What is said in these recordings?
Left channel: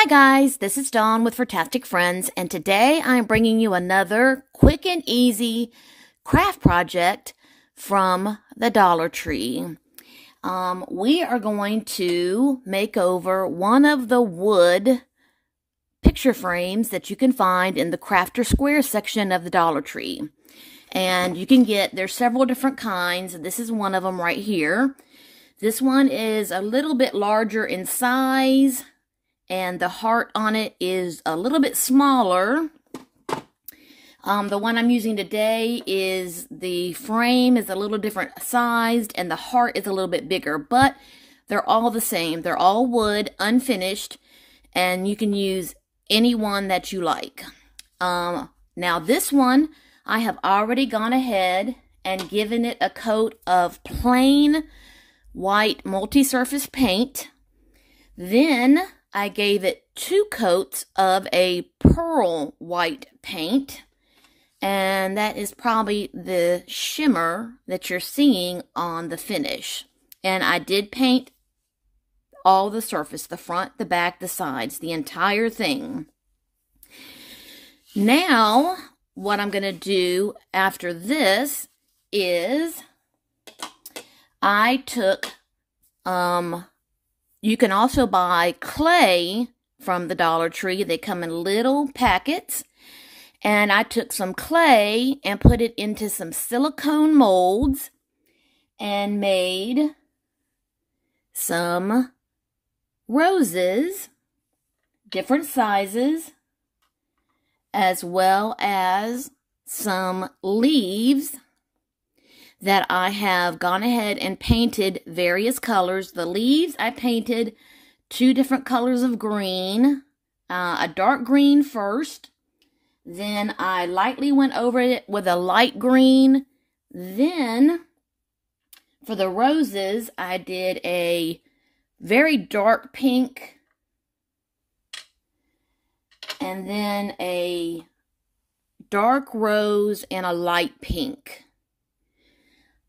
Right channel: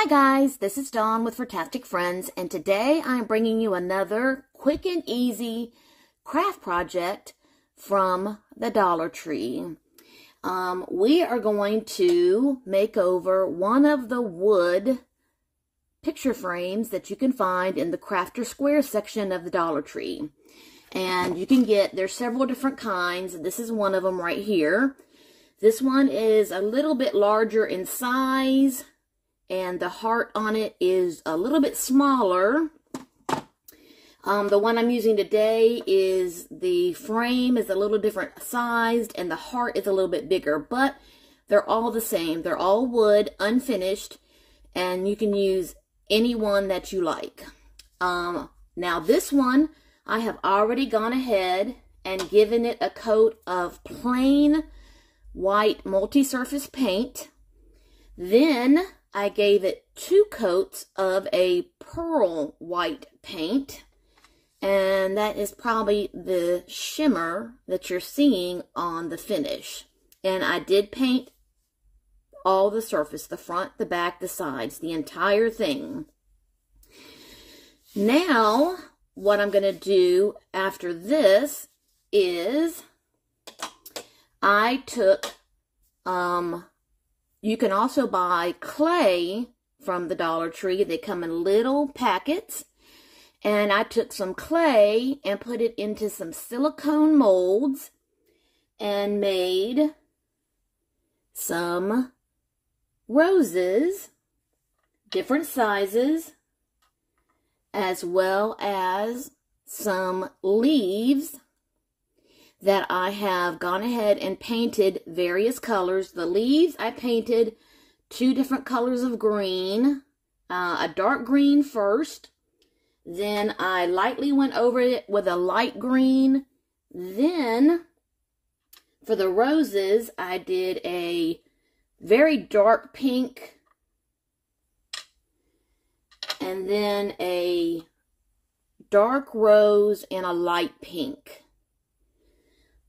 Hi guys, this is Dawn with Furtastic Friends, and today I'm bringing you another quick and easy craft project from the Dollar Tree. We are going to make over one of the wood picture frames that you can find in the Crafter Square section of the Dollar Tree. And you can get, there's several different kinds. This is one of them right here. This one is a little bit larger in size, and the heart on it is a little bit smaller. The one I'm using today is, the frame is a little different sized, and the heart is a little bit bigger, but they're all the same. They're all wood, unfinished, and you can use any one that you like. Now this one, I have already gone ahead and given it a coat of plain white multi-surface paint. Then I gave it 2 coats of a pearl white paint, and that is probably the shimmer that you're seeing on the finish. And I did paint all the surface, the front, the back, the sides, the entire thing. Now, what I'm going to do after this is I took, you can also buy clay from the Dollar Tree. They come in little packets. And I took some clay and put it into some silicone molds and made some roses, different sizes, as well as some leaves that I have gone ahead and painted various colors. The leaves I painted 2 different colors of green, a dark green first, then I lightly went over it with a light green. Then for the roses, I did a very dark pink, and then a dark rose and a light pink.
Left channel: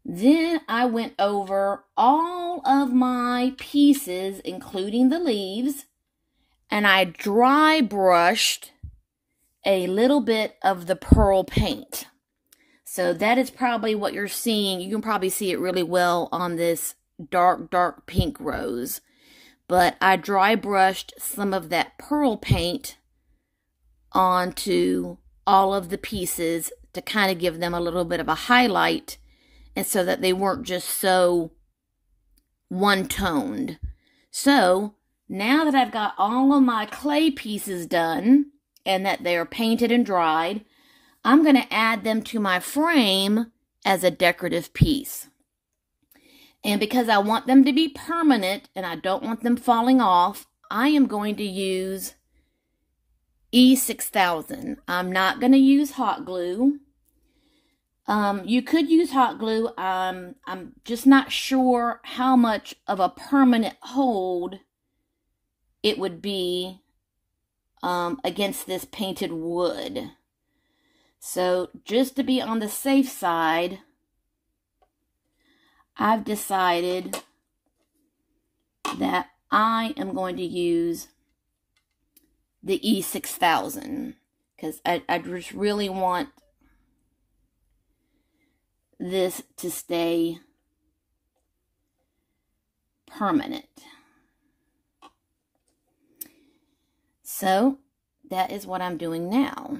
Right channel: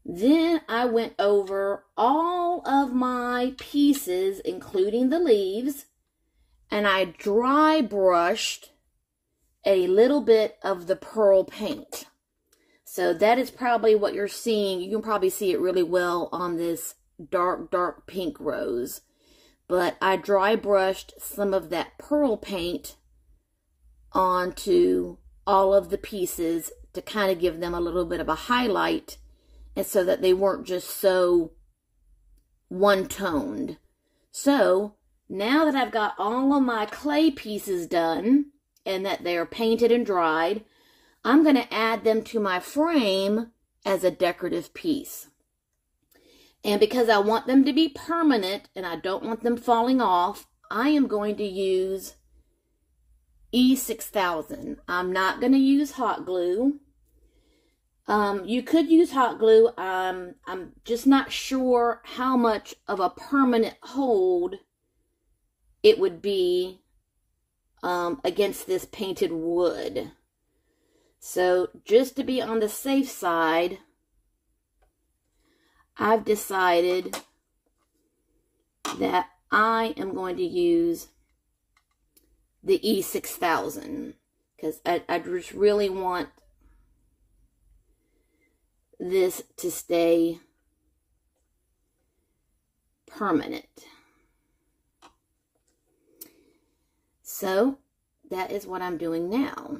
Then I went over all of my pieces, including the leaves, and I dry brushed a little bit of the pearl paint. So that is probably what you're seeing. You can probably see it really well on this dark pink rose. But I dry brushed some of that pearl paint onto all of the pieces to kind of give them a little bit of a highlight, and so that they weren't just so one-toned. So now that I've got all of my clay pieces done and that they're painted and dried, I'm going to add them to my frame as a decorative piece. And because I want them to be permanent and I don't want them falling off, I am going to use E6000. I'm not going to use hot glue. You could use hot glue. I'm just not sure how much of a permanent hold it would be against this painted wood. So just to be on the safe side, I've decided that I am going to use the E6000 because I just really want this to stay permanent. So that is what I'm doing now.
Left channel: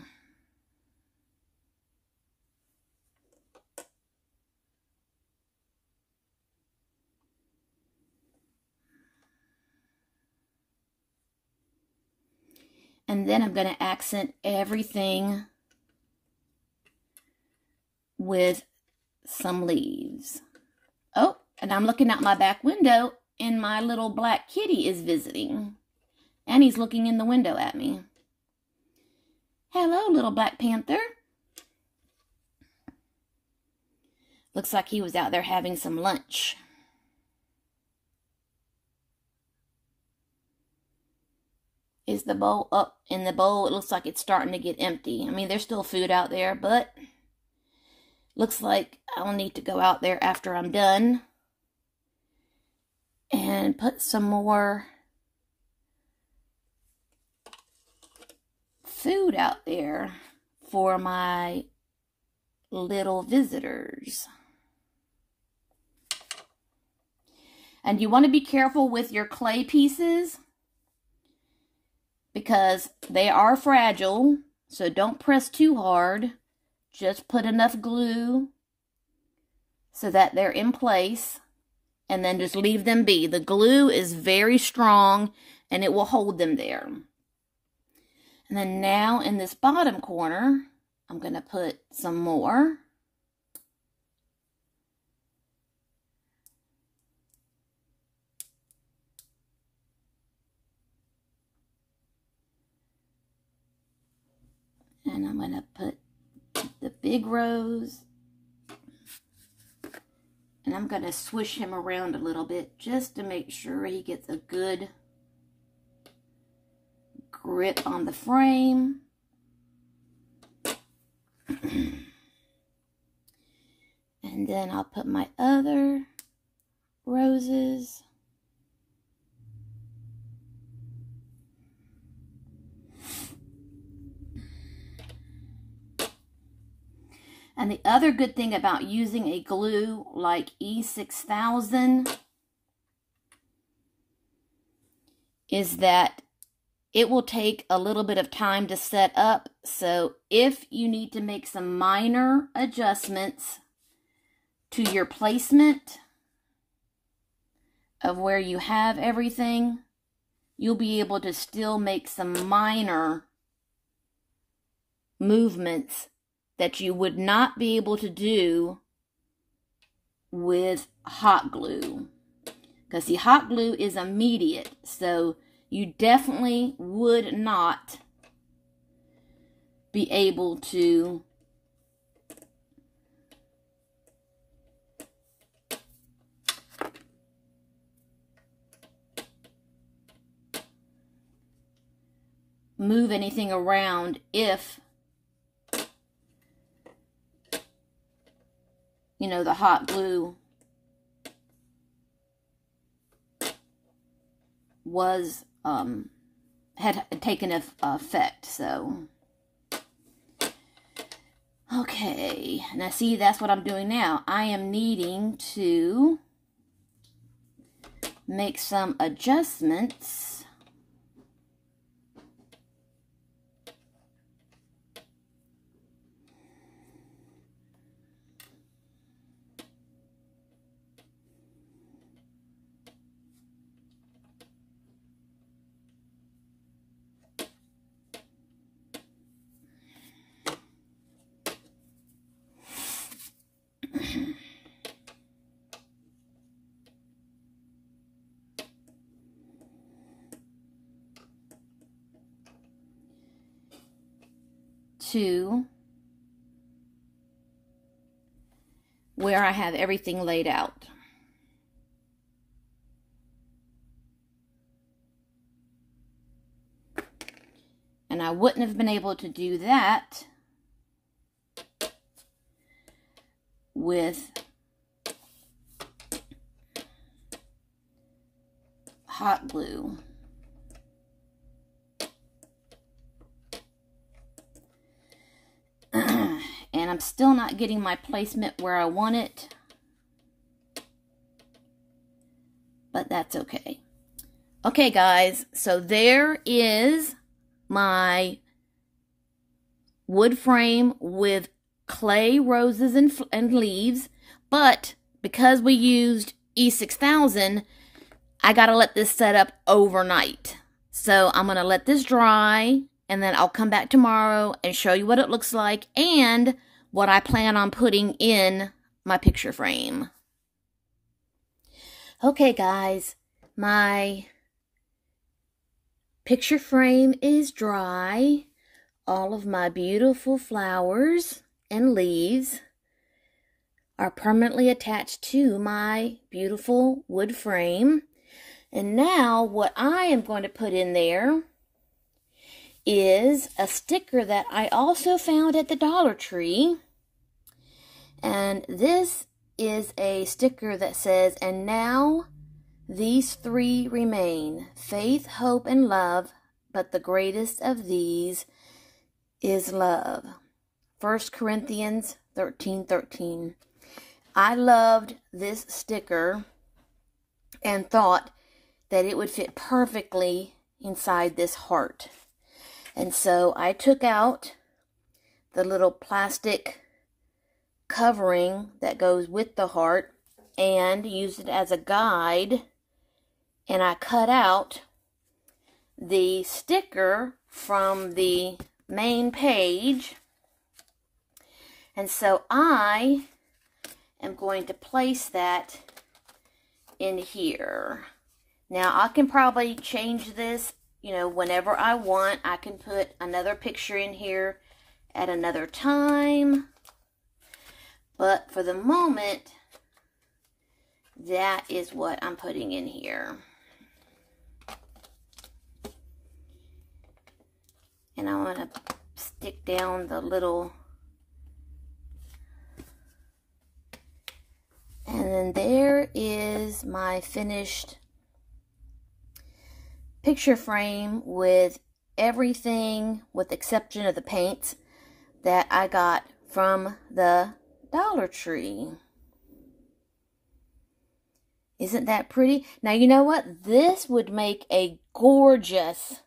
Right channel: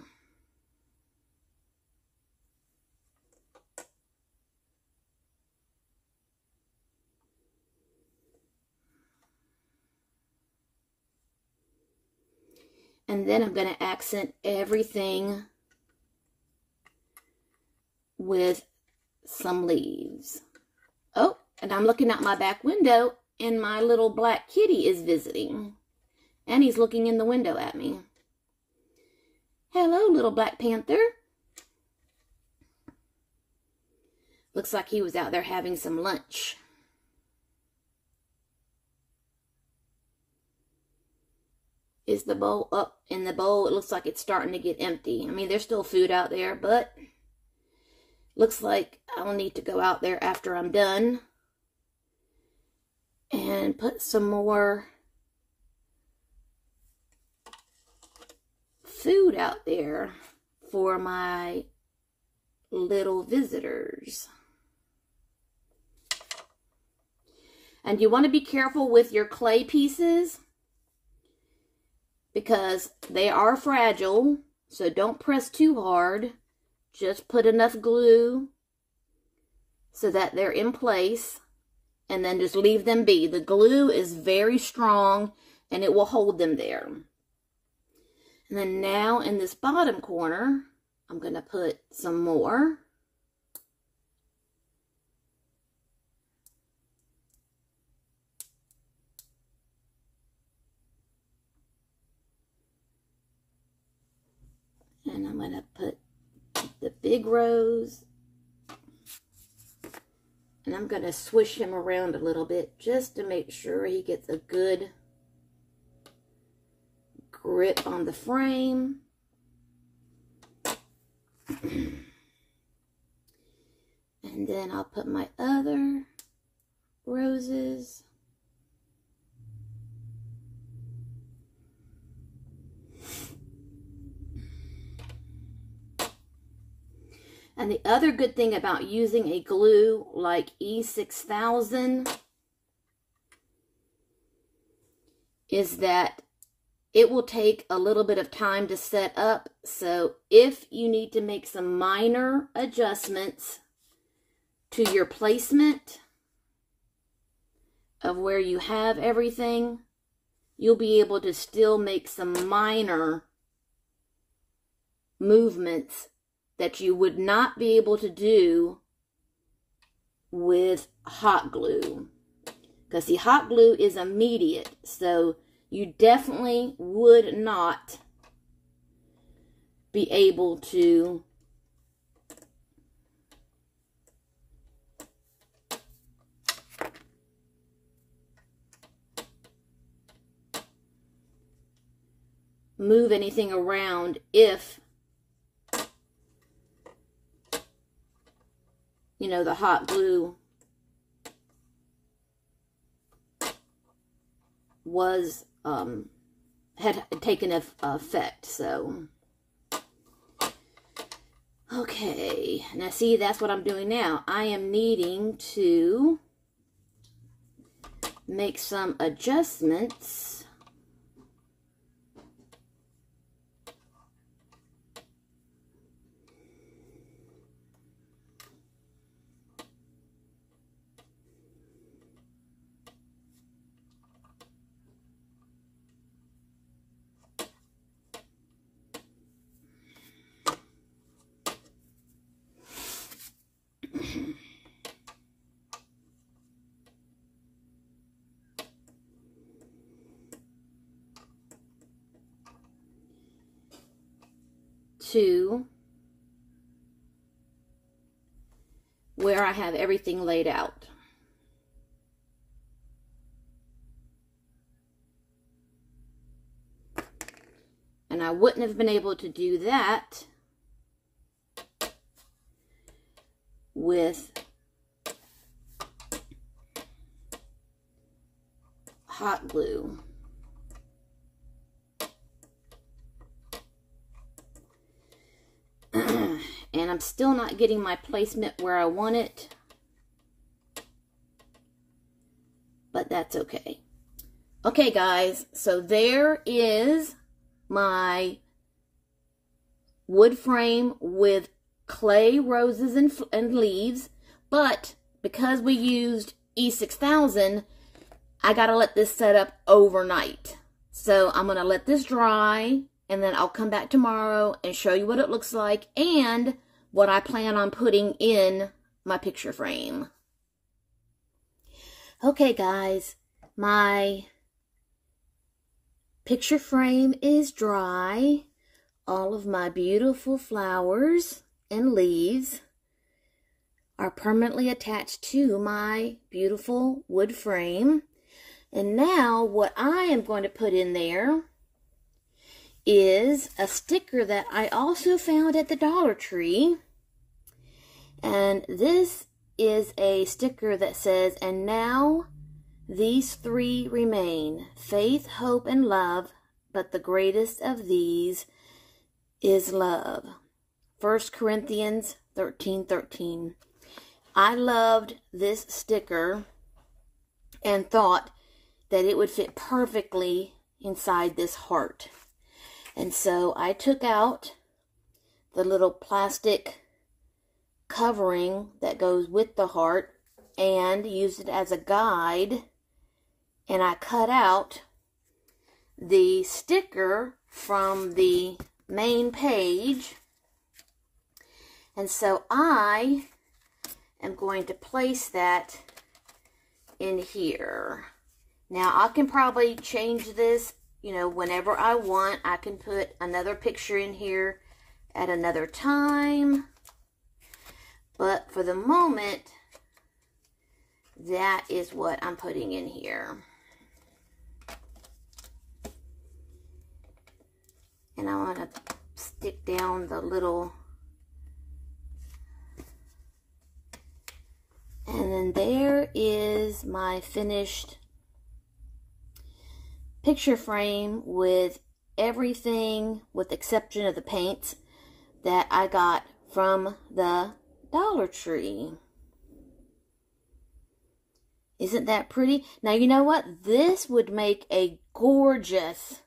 And then I'm going to accent everything with some leaves. Oh, and I'm looking out my back window, and my little black kitty is visiting. And he's looking in the window at me. Hello, little Black Panther. Looks like he was out there having some lunch. Is the bowl up in the bowl? It looks like it's starting to get empty. I mean, there's still food out there, but looks like I'll need to go out there after I'm done and put some more food out there for my little visitors. And you want to be careful with your clay pieces because they are fragile, so don't press too hard. Just put enough glue so that they're in place, and then just leave them be. The glue is very strong and it will hold them there. And then now in this bottom corner, I'm going to put some more. And I'm going to put the big rose. And I'm going to swish him around a little bit just to make sure he gets a good grip on the frame. And then I'll put my other roses. And the other good thing about using a glue like E6000 is that it will take a little bit of time to set up. So if you need to make some minor adjustments to your placement of where you have everything, you'll be able to still make some minor movements that you would not be able to do with hot glue. Because the hot glue is immediate, so you definitely would not be able to move anything around if, you know, the hot glue was, had taken effect. So, okay, now see, that's what I'm doing now. I am needing to make some adjustments to where I have everything laid out. And I wouldn't have been able to do that with hot glue. And I'm still not getting my placement where I want it, but that's okay. Okay, guys, so there is my wood frame with clay roses and leaves, but because we used E6000, I gotta let this set up overnight. So I'm gonna let this dry, and then I'll come back tomorrow and show you what it looks like and what I plan on putting in my picture frame. Okay, guys, my picture frame is dry. All of my beautiful flowers and leaves are permanently attached to my beautiful wood frame. And now what I am going to put in there is a sticker that I also found at the Dollar Tree. And this is a sticker that says, "And now these three remain, faith, hope, and love, but the greatest of these is love. 1 Corinthians 13:13. I loved this sticker and thought that it would fit perfectly inside this heart. And so I took out the little plastic covering that goes with the heart and used it as a guide, and I cut out the sticker from the main page, and so I am going to place that in here. Now I can probably change this, you know, whenever I want. I can put another picture in here at another time, but for the moment, that is what I'm putting in here. And I want to stick down the little, and then there is my finished picture frame with everything, with the exception of the paints, that I got from the Dollar Tree. Isn't that pretty? Now, you know what? This would make a gorgeous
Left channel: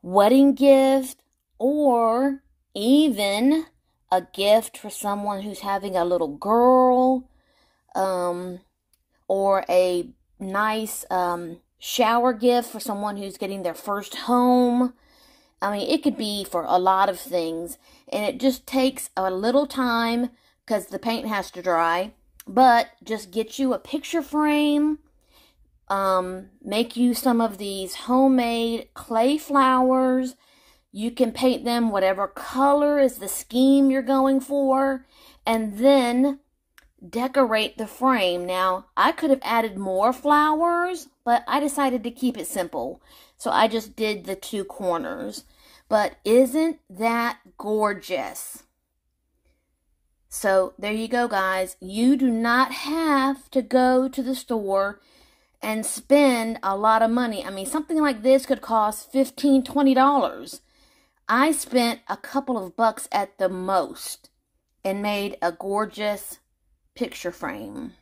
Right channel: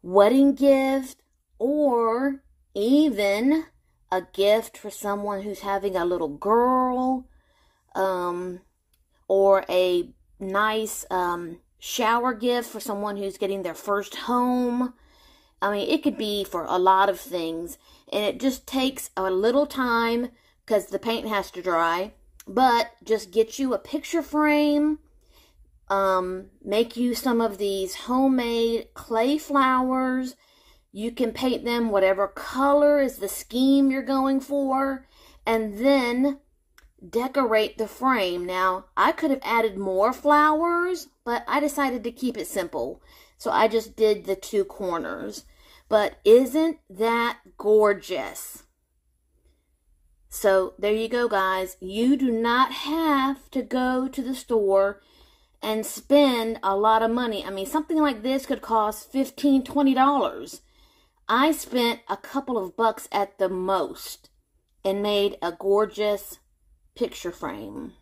wedding gift, or even a gift for someone who's having a little girl, or a nice shower gift for someone who's getting their first home. I mean, it could be for a lot of things, and it just takes a little time because the paint has to dry, but just get you a picture frame, make you some of these homemade clay flowers. You can paint them whatever color is the scheme you're going for, and then decorate the frame. Now, I could have added more flowers, but I decided to keep it simple, so I just did the 2 corners. But isn't that gorgeous? So there you go, guys. You do not have to go to the store and spend a lot of money. I mean, something like this could cost $15, $20. I spent a couple of bucks at the most and made a gorgeous picture frame.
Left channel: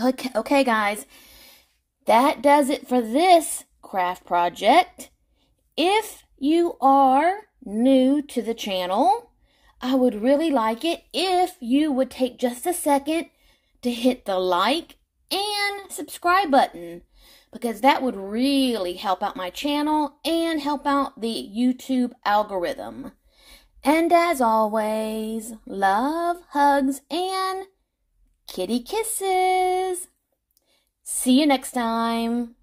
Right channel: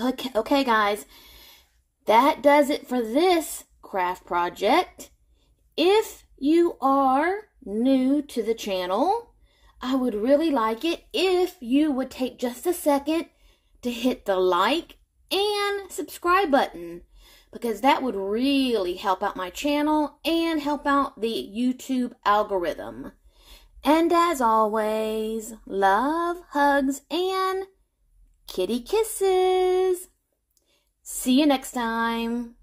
Okay, guys, that does it for this craft project. If you are new to the channel, I would really like it if you would take just a second to hit the like and subscribe button, because that would really help out my channel and help out the YouTube algorithm. And as always, love, hugs, and kitty kisses. See you next time.